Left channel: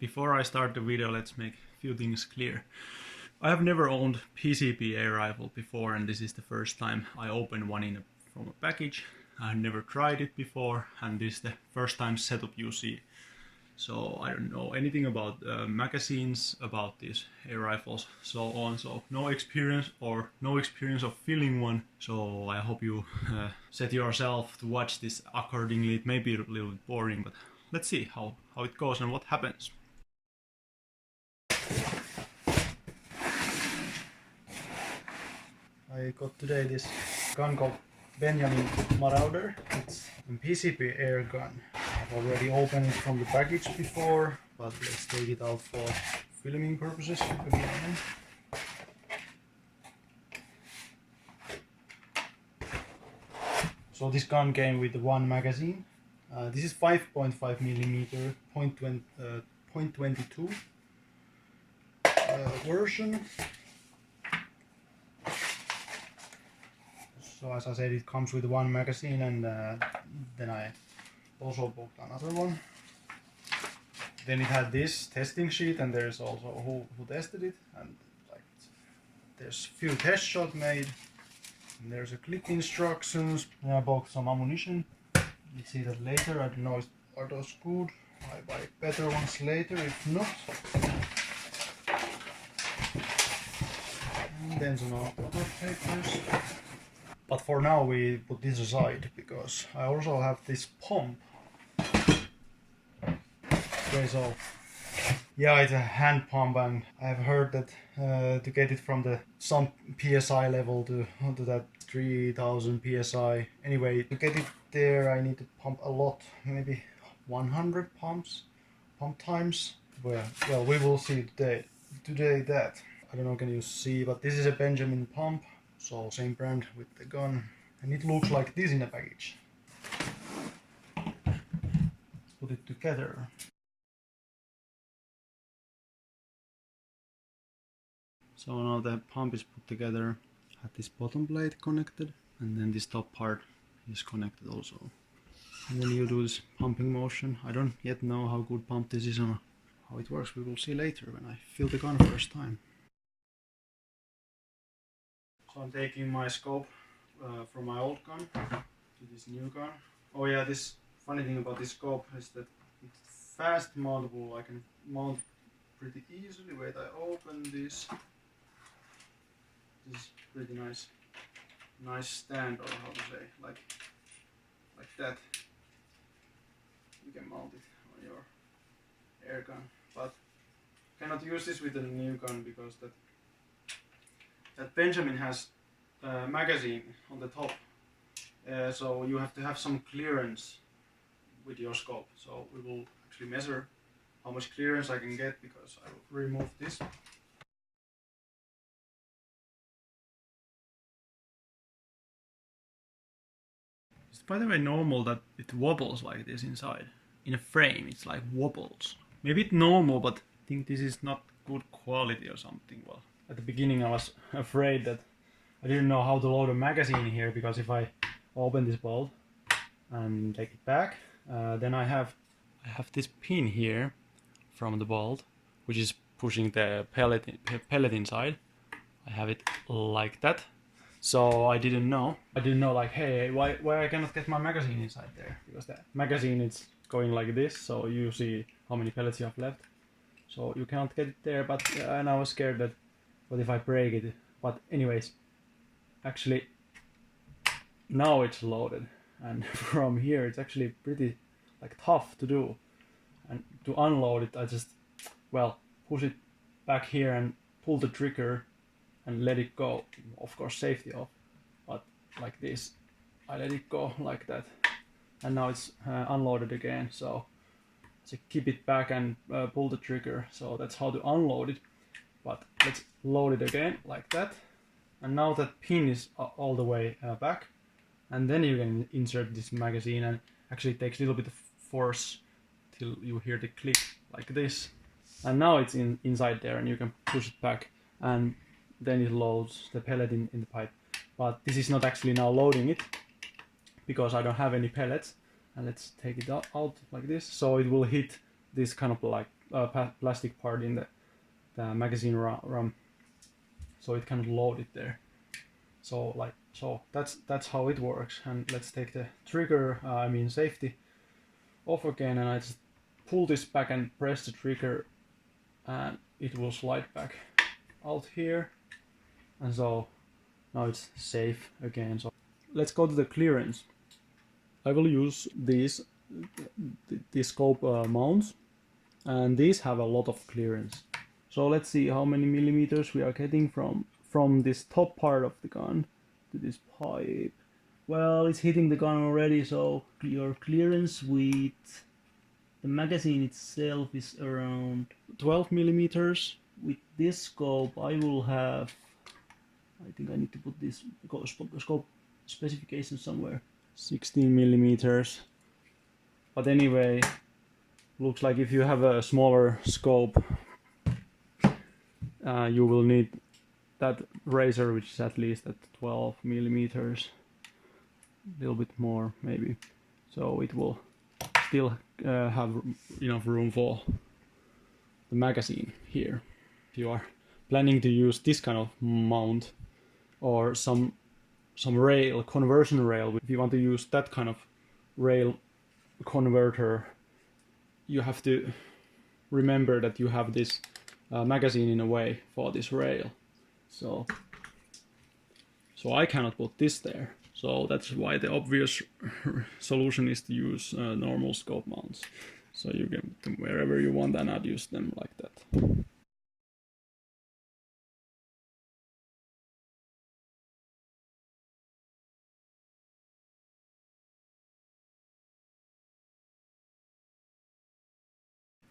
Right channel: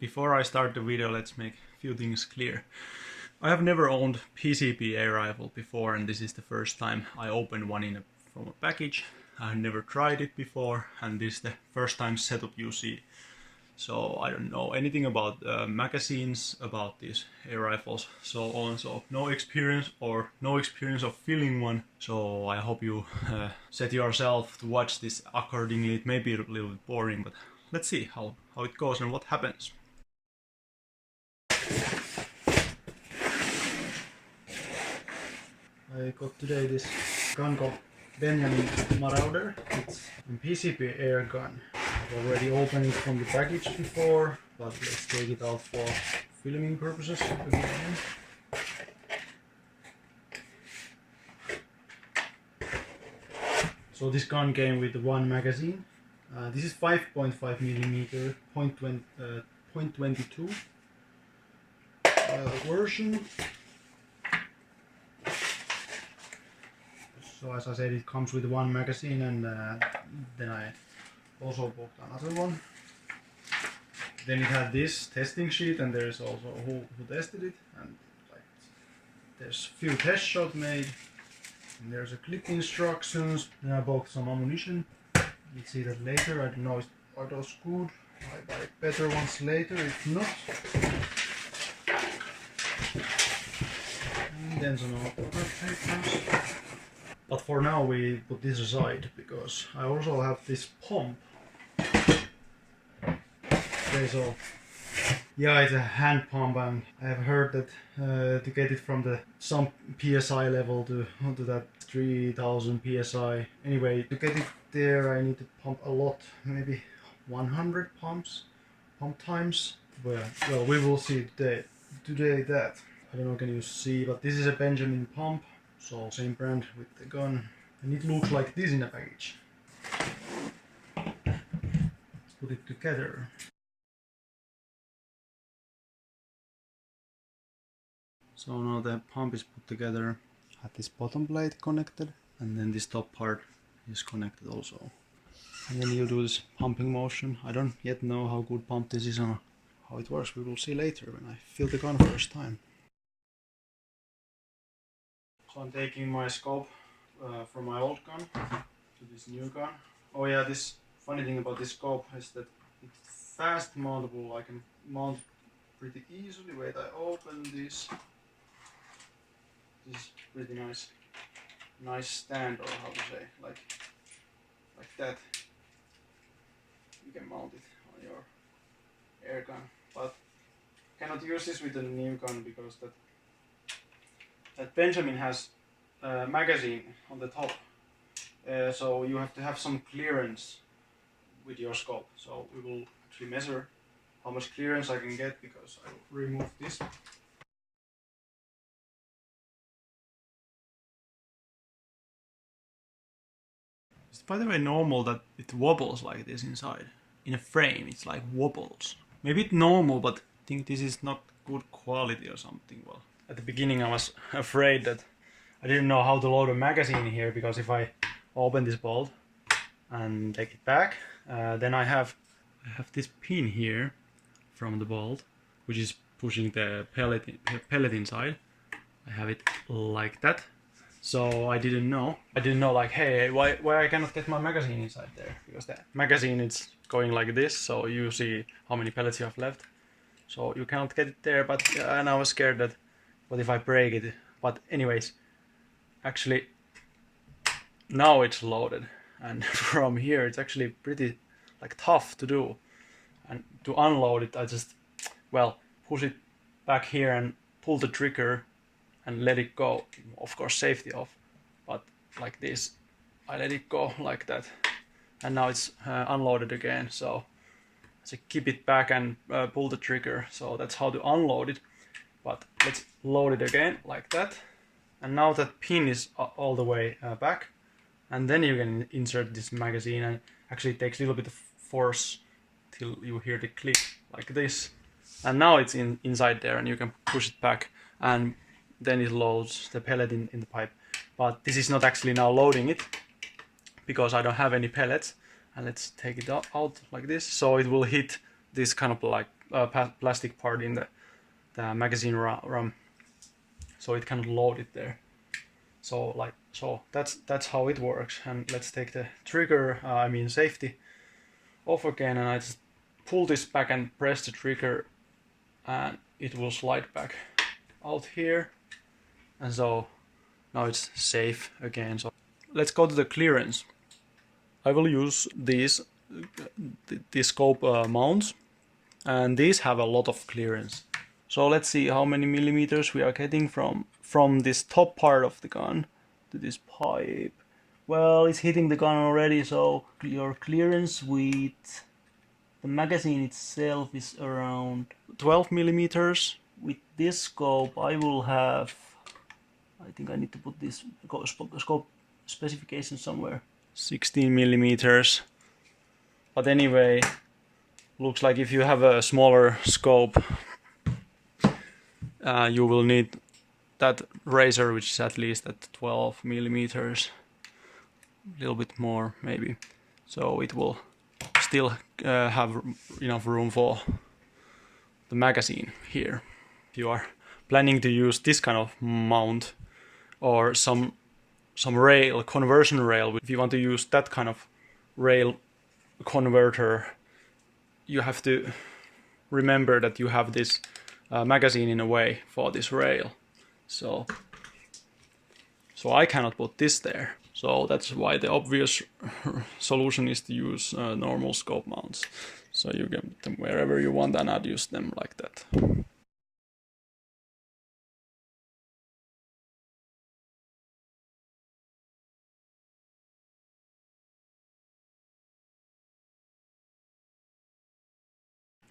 Before I start the video, let's make a few things clear. I have never owned PCP air rifle before, and this is the first time I open one from a package. I have never tried it before, and this is the first time setup you see. So I don't know anything about magazines, about these air rifles, so on. So no experience of filling one. So I hope you set yourself to watch this accordingly. It may be a little bit boring, but let's see how it goes and what happens. I got today this gun called Benjamin Marauder. It's a PCP air gun. I've already opened it from the package before, but let's take it out for filming purposes again. So this gun came with one magazine. This is 5.5mm .22 version. So as I said, it comes with one magazine, and then I also bought another one. Then it had this testing sheet, and there's also who tested it, and like there's few test shots made, and there's a clip instructions. Then I bought some ammunition. You'll see that later. I don't know if are those good. I buy better ones later if not. And then some other papers. But for now we put this aside, because I also have this pump. Okay, so yeah, it's a hand pump, and I have heard that to get it from the some PSI level to that 3000 PSI. Anyway, to get it there I need to pump a lot, maybe 100 pump times. Well, we will see today that. I don't know, can you see, but this is a Benjamin pump. So same brand with the gun, and it looks like this in a package. Let's put it together. So now the pump is put together. I have this bottom plate connected, and then this top part is connected also. And then you do this pumping motion. I don't yet know how good pump this is or how it works. We will see later when I fill the gun first time. So I'm taking my scope from my old gun to this new gun. Oh yeah, this funny thing about this scope is that it's fast mountable. I can mount it pretty easily. Wait, I open this. This is pretty nice stand, or how to say, like that. You can mount it on your air gun, but cannot use this with the new gun because that Benjamin has a magazine on the top, so you have to have some clearance with your scope. So we will actually measure how much clearance I can get, because I will remove this. It's by the way normal that it wobbles like this inside. In a frame it's like wobbles. Maybe it's normal, but I think this is not good quality or something. Well, at the beginning I was afraid that I didn't know how to load a magazine here, because if I open this bolt and take it back, then I have this pin here from the bolt, which is pushing the pellet inside. I have it like that. So I didn't know like, hey, why I cannot get my magazine inside there, because the magazine is going like this, so you see how many pellets you have left. So you cannot get it there, but and I was scared that what if I break it. But anyways, actually now it's loaded, and from here it's actually pretty like tough to do. And to unload it, I just, well, push it back here and pull the trigger and let it go. Of course, safety off, but like this, I let it go like that, and now it's unloaded again. So keep it back and pull the trigger. So that's how to unload it. But let's load it again like that, and now that pin is all the way back, and then you can insert this magazine, and actually it takes a little bit of force till you hear the click like this, and now it's inside there, and you can push it back, and then it loads the pellet in the pipe. But this is not actually now loading it, because I don't have any pellets. And let's take it out like this, so it will hit this kind of like plastic part in the magazine ram, so it can load it there. So that's how it works. And let's take the trigger, I mean safety, off again, and I just pull this back and press the trigger, and it will slide back out here, and so now it's safe again. So let's go to the clearance. I will use these scope mounts, and these have a lot of clearance. So let's see how many millimeters we are getting from this top part of the gun to this pipe. Well, it's hitting the gun already, so your clearance with the magazine itself is around 12 millimeters. With this scope I will have, I think I need to put this scope specification somewhere, 16 millimeters. But anyway, looks like if you have a smaller scope, you will need that razor, which is at least at 12 millimeters, a little bit more maybe, so it will still have enough room for the magazine here. If you are planning to use this kind of mount or some rail, conversion rail, if you want to use that kind of rail converter, you have to remember that you have this magazine in a way for this rail. So I cannot put this there. So that's why the obvious solution is to use normal scope mounts. So you get them wherever you want and adjust them like that.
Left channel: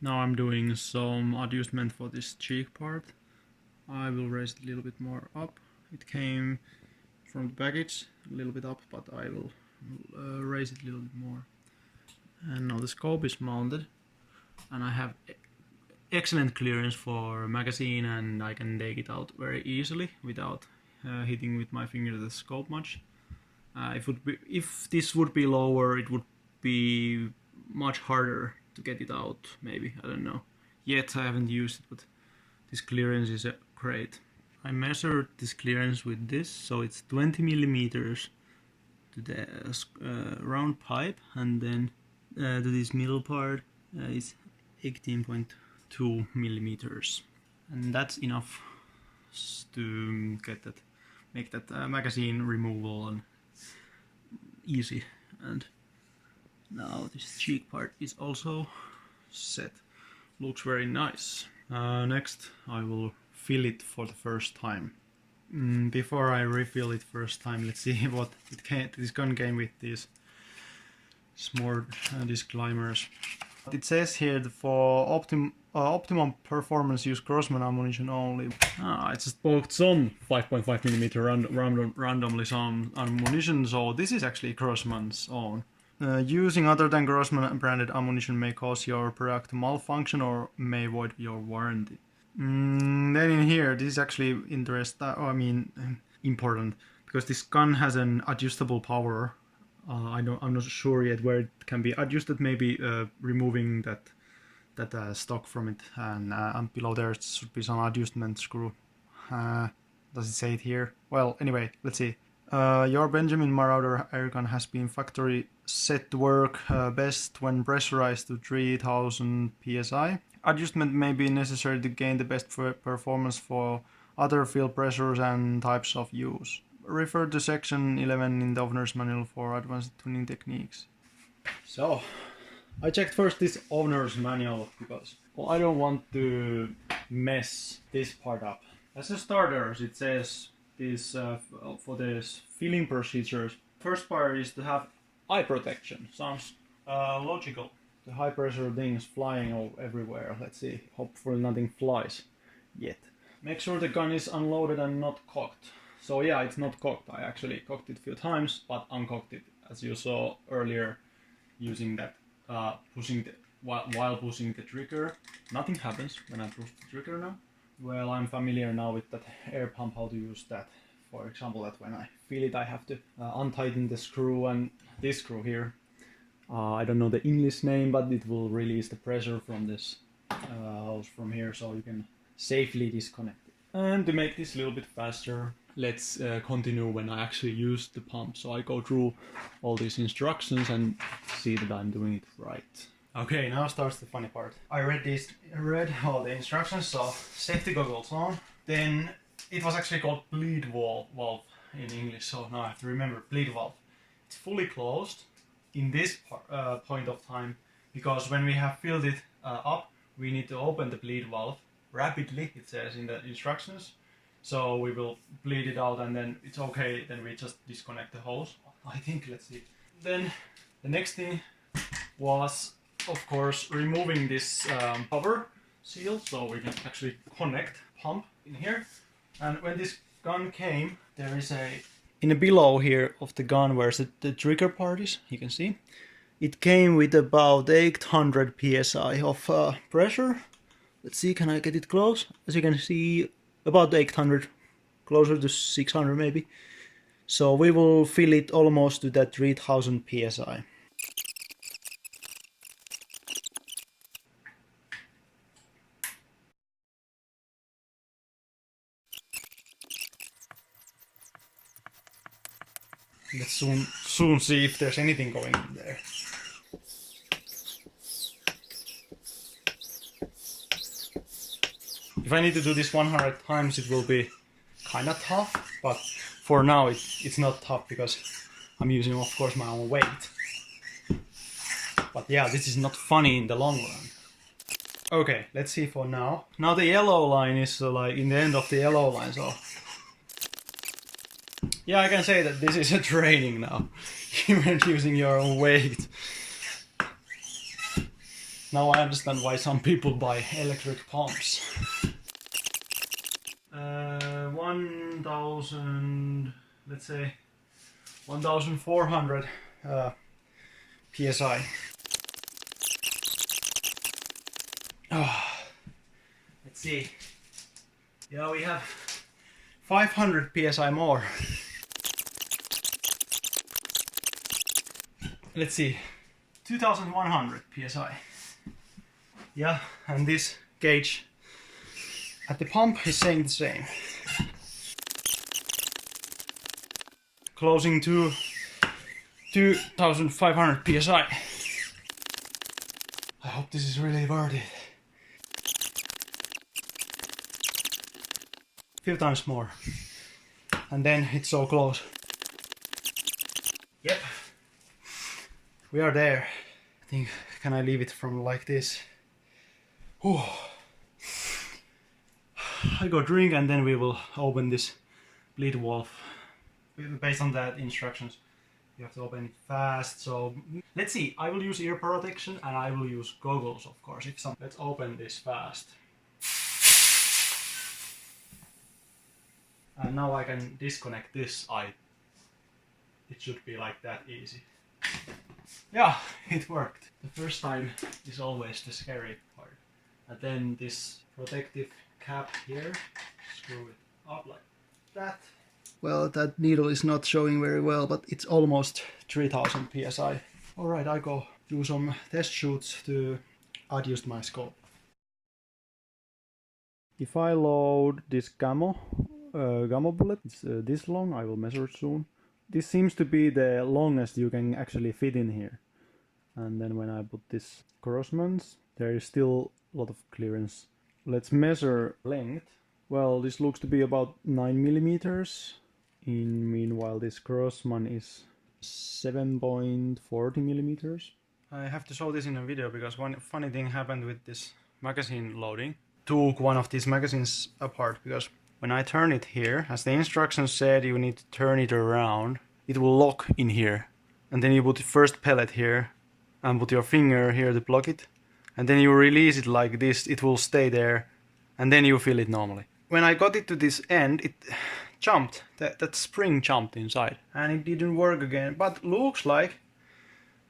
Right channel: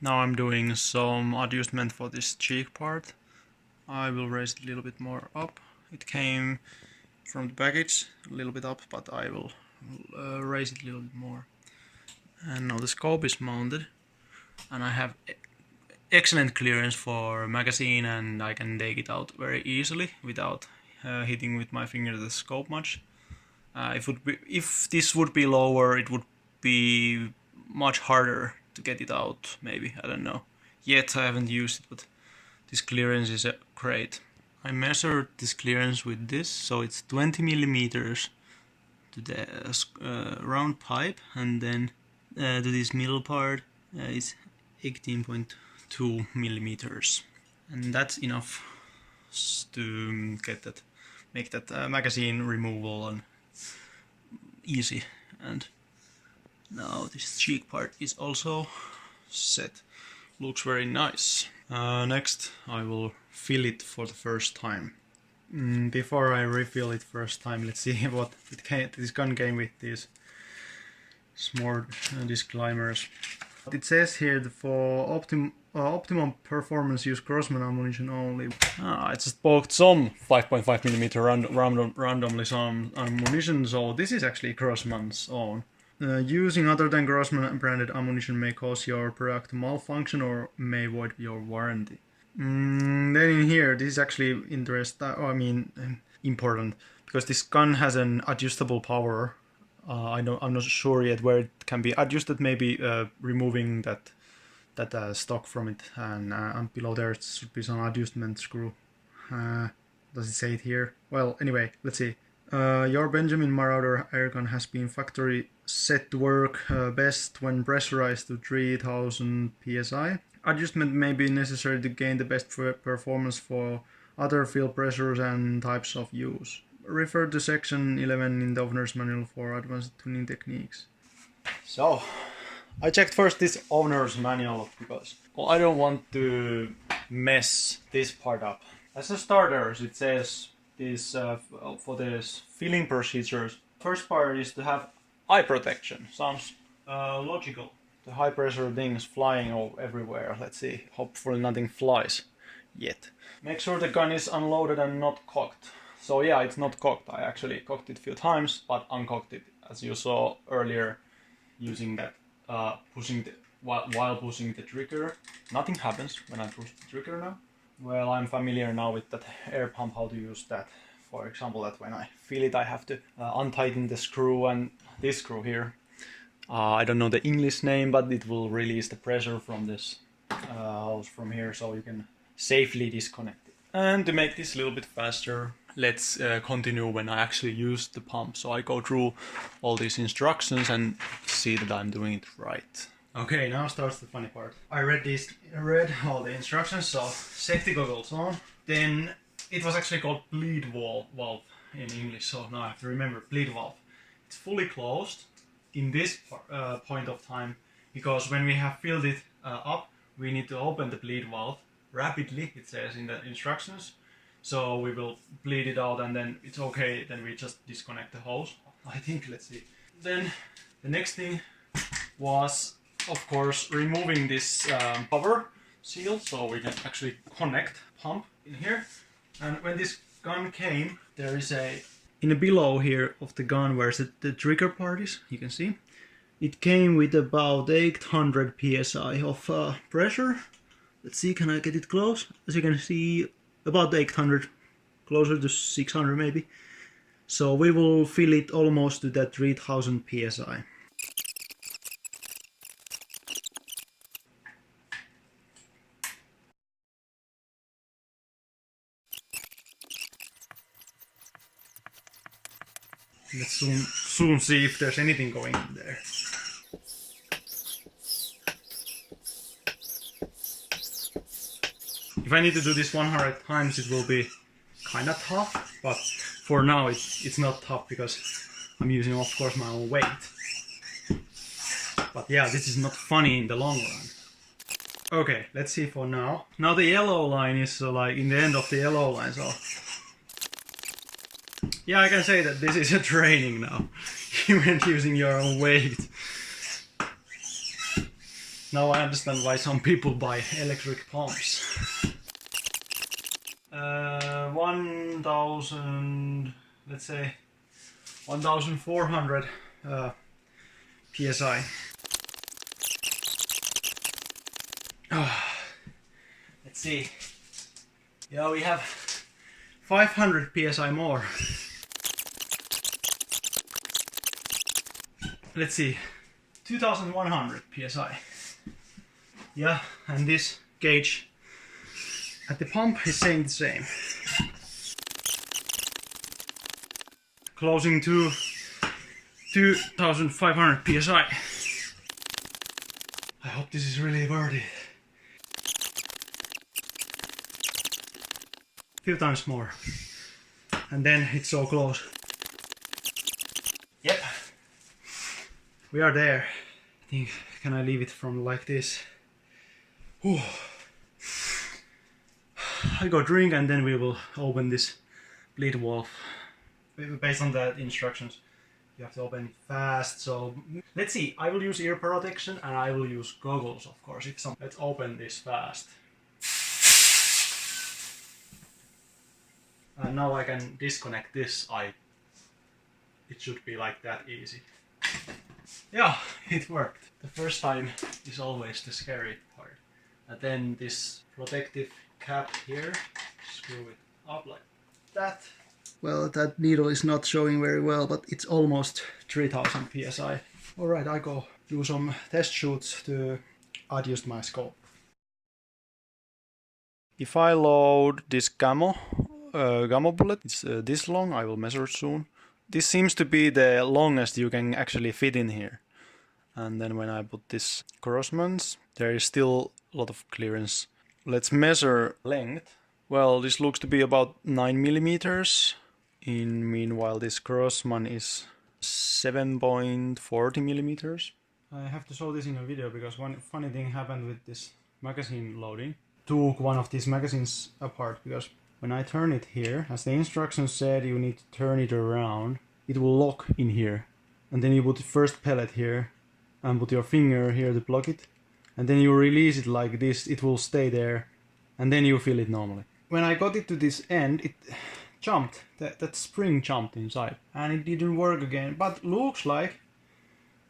Now I'm doing some adjustment for this cheek part. I will raise it a little bit more up. It came from the package a little bit up, but I will raise it a little bit more. And now the scope is mounted, and I have excellent clearance for magazine, and I can take it out very easily without hitting with my finger the scope much. If this would be lower, it would be much harder to get it out, maybe, I don't know. Yet I haven't used it, but this clearance is great. I measured this clearance with this, so it's 20 millimeters to the round pipe, and then to this middle part is 18.2 millimeters, and that's enough to get that, make that magazine removal and easy. And now this cheek part is also set. Looks very nice. Next I will fill it for the first time. Before I refill it first time, let's see what this gun came with, these small disclaimers. It says here that for optimum performance, use Grossman ammunition only. I just poked some 5.5mm randomly some ammunition, so this is actually Grossman's own. Using other than Grossman branded ammunition may cause your product to malfunction or may void your warranty. Then in here, this is actually important, because this gun has an adjustable power. I'm not sure yet where it can be adjusted. Maybe removing that stock from it, and below there should be some adjustment screw. Does it say it here? Well, anyway, let's see. Your Benjamin Marauder airgun has been factory set to work best when pressurized to 3000 psi. Adjustment may be necessary to gain the best performance for other field pressures and types of use. Refer to section 11 in the owner's manual for advanced tuning techniques. So, I checked first this owner's manual because I don't want to mess this part up. As a starter, it says this for this filling procedures. First part is to have eye protection. Sounds logical. The high pressure things flying everywhere. Let's see. Hopefully nothing flies yet. Make sure the gun is unloaded and not cocked. So yeah, it's not cocked. I actually cocked it a few times, but uncocked it, as you saw earlier, using that while pushing the trigger. Nothing happens when I push the trigger now. Well, I'm familiar now with that air pump, how to use that. For example, that when I feel it, I have to untighten the screw, and this screw here. I don't know the English name, but it will release the pressure from this hose from here, so you can safely disconnect it. And to make this a little bit faster, let's continue when I actually use the pump. So I go through all these instructions and see that I'm doing it right. Okay, now starts the funny part. I read all the instructions, so safety goggles on. Then it was actually called bleed valve in English, so now I have to remember bleed valve. It's fully closed in this point of time, because when we have filled it up, we need to open the bleed valve rapidly, it says in the instructions. So we will bleed it out and then it's okay, then we just disconnect the hose, I think. Let's see. Then the next thing was, of course, removing this cover seal, so we can actually connect pump in here. And when this gun came, there is in the below here of the gun where the trigger part is, you can see, it came with about 800 psi of pressure. Let's see, can I get it close? As you can see, about 800, closer to 600 maybe. So we will fill it almost to that 3000 psi. Let's soon see if there's anything going in there. If I need to do this 100 times, it will be kinda tough, but for now it's not tough because I'm using, of course, my own weight. But yeah, this is not funny in the long run. Okay, let's see for now. Now the yellow line is like in the end of the yellow line, so yeah, I can say that this is a training now. Even using your own weight. Now I understand why some people buy electric pumps. 1000, let's say 1400 psi. Let's see. Yeah, we have 500 psi more. Let's see, 2100 psi. Yeah, and this gauge at the pump is saying the same. Closing to 2500 psi. I hope this is really worth it. Few times more. And then it's so close. Yep. We are there. I think, can I leave it from like this? Whew. I go drink and then we will open this bleed valve. Based on the instructions, you have to open it fast. So let's see, I will use ear protection and I will use goggles, of course. Let's open this fast. And now I can disconnect this. It should be like that easy. Yeah, it worked. The first time is always the scary part. And then this protective cap here, screw it up like that. Well, that needle is not showing very well, but it's almost 3000 psi. Alright, I go do some test shoots to adjust my scope. If I load this gamma bullet, it's this long, I will measure it soon. This seems to be the longest you can actually fit in here. And then when I put this crossmans, there is still a lot of clearance. Let's measure length. Well, this looks to be about 9 millimeters. Meanwhile, this crossman is 7.40 millimeters. I have to show this in a video because one funny thing happened with this magazine loading. Took one of these magazines apart because when I turn it here, as the instructions said, you need to turn it around. It will lock in here. And then you put the first pellet here and put your finger here to block it. And then you release it like this, it will stay there. And then you fill it normally. When I got it to this end, it jumped. That spring jumped inside. And it didn't work again. But looks like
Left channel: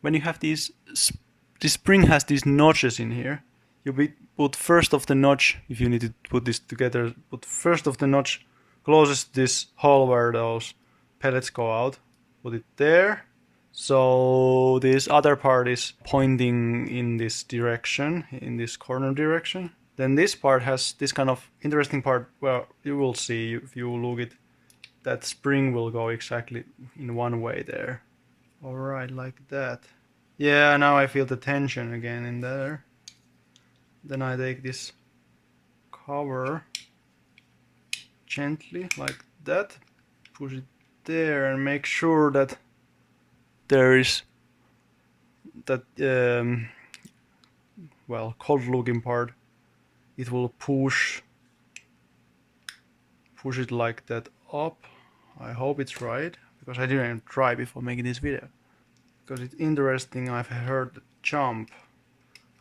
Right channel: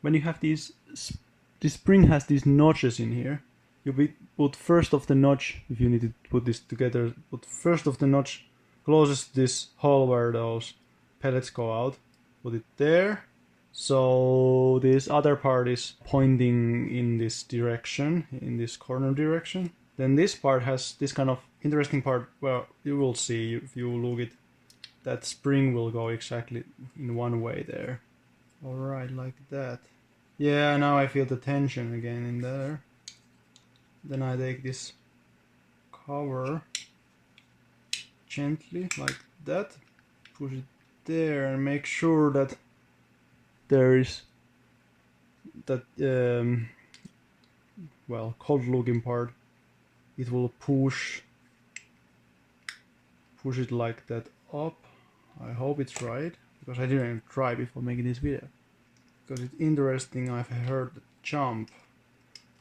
when you have these, this spring has these notches in here. You put first of the notch, if you need to put this together, put first of the notch closest to this hole where those pellets go out. Put it there, So this other part is pointing in this direction, in this corner direction. Then this part has this kind of interesting part where you will see, if you look it, that spring will go exactly in one way there. Alright, like that. Yeah, now I feel the tension again in there. Then I take this cover gently, like that, push it there and make sure that there is that well, cold looking part. It will push it like that up. I hope it's right, because I didn't even try before making this video. Because it's interesting, I've heard the jump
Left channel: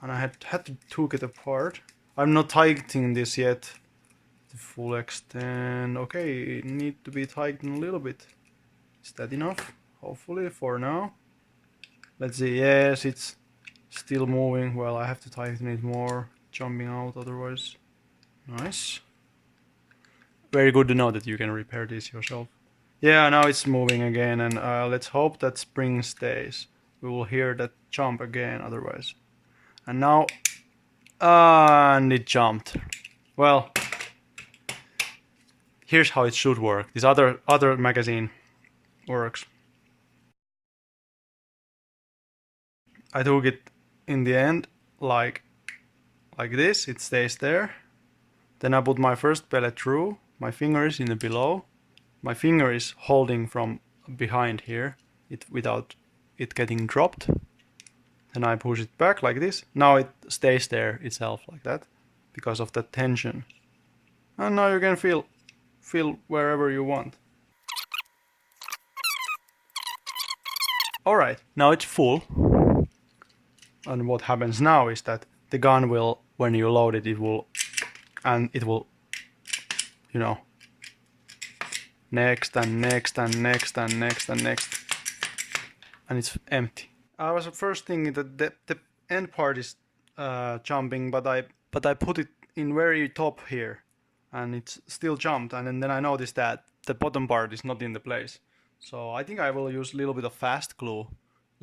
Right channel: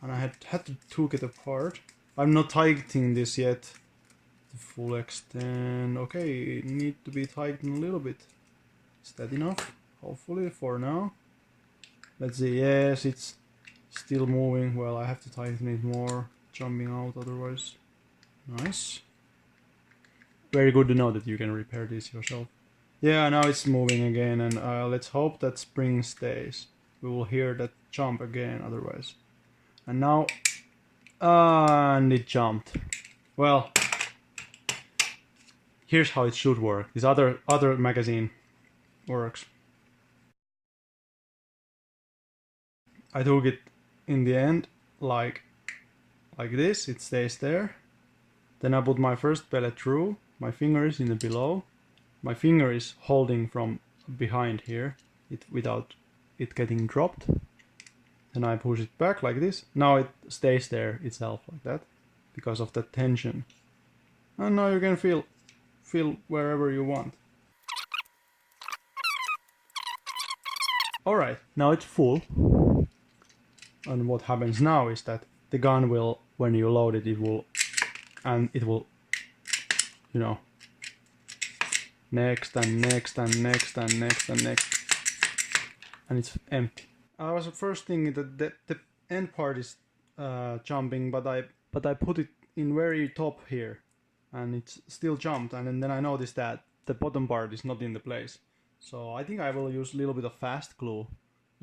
and I had to take it apart. I'm not tightening this yet to full extent. Okay, it needs to be tightened a little bit. Is that enough? Hopefully for now. Let's see. Yes, it's still moving. Well, I have to tighten it more, jumping out otherwise. Nice. Very good to know that you can repair this yourself. Yeah, now it's moving again, and let's hope that spring stays. We will hear that jump again otherwise. And now, and it jumped. Well, here's how it should work. This other magazine works. I took it in the end like this. It stays there. Then I put my first pellet through. My finger is in the below. My finger is holding from behind here, without it getting dropped. Then I push it back like this. Now it stays there itself like that, because of the tension. And now you can feel wherever you want. Alright, now it's full. And what happens now is that the gun will, when you load it, it will, you know, next and next and next and next and next, and it's empty. I was first thinking that the end part is jumping, but I put it in very top here, and it's still jumped, and then I noticed that the bottom part is not in the place. So I think I will use a little bit of fast glue,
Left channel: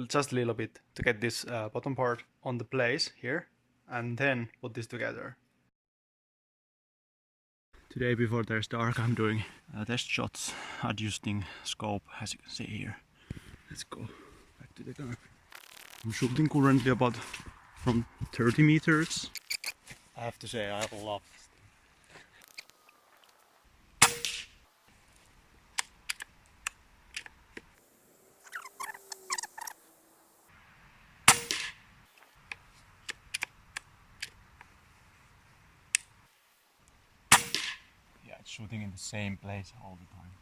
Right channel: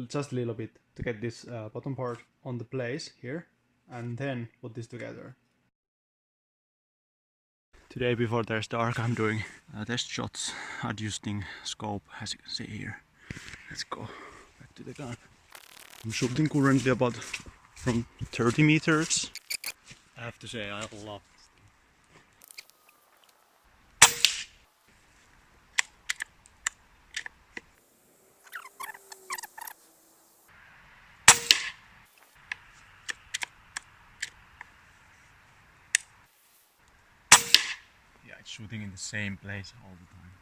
just a little bit, to get this bottom part on the place here, and then put this together. Today, before there's dark, I'm doing test shots, adjusting scope, as you can see here. Let's go back to the gun. I'm shooting currently about from 30 meters. I have to say, I love this thing. Yeah, it's shooting in the same place all the time.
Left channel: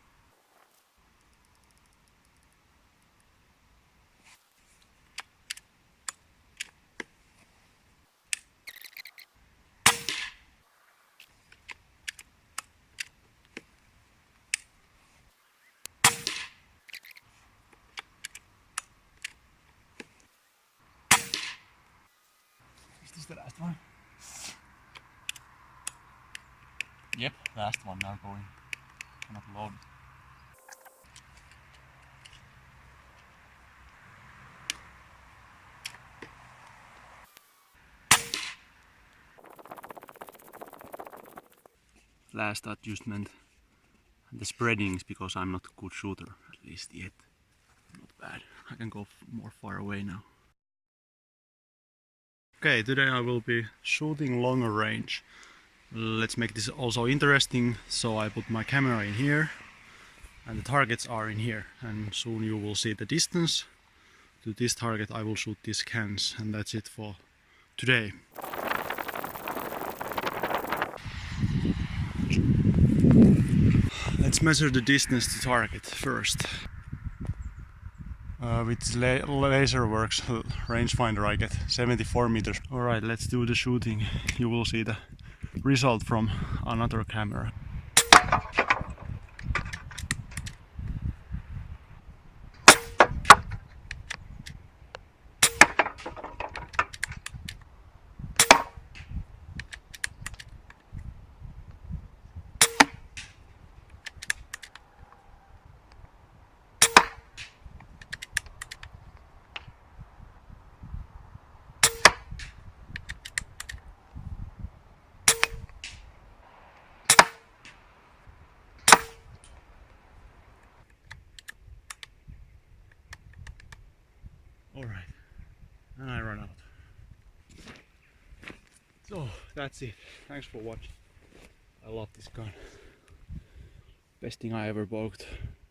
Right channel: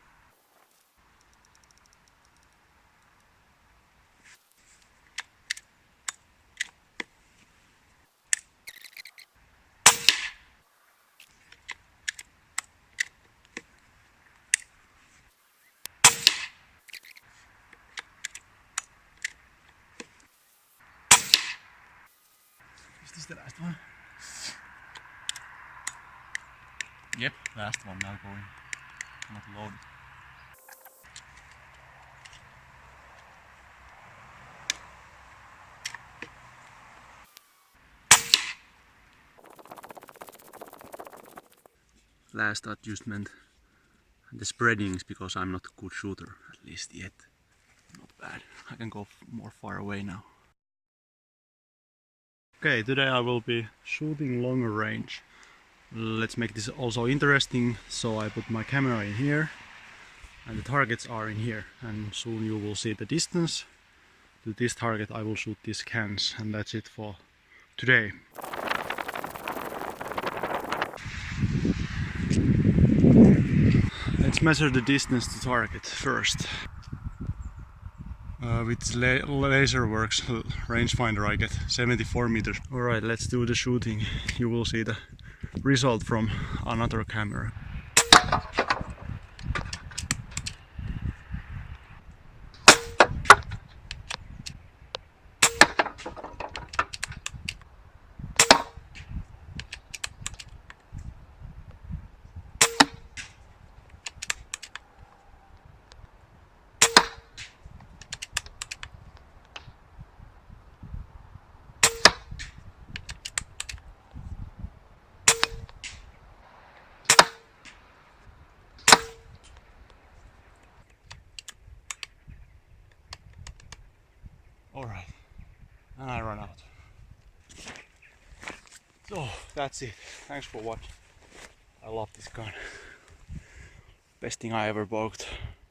Is this the last one? Yep, last one now going. Not loaded. Last adjustment. And the spreadings, because I'm not a good shooter, at least yet. Not bad. I can go more far away now. Okay, today I will be shooting longer range. Let's make this also interesting. So I put my camera in here, and the targets are in here, and soon you will see the distance. To this target I will shoot these cans, and that's it for today. Let's measure the distance to target first. With laser works rangefinder I get 74 meters. Alright, let's do the shooting. You will see the result from another camera. and I run out. So that's it. Thanks for watching. I love this gun. Best thing I ever bought.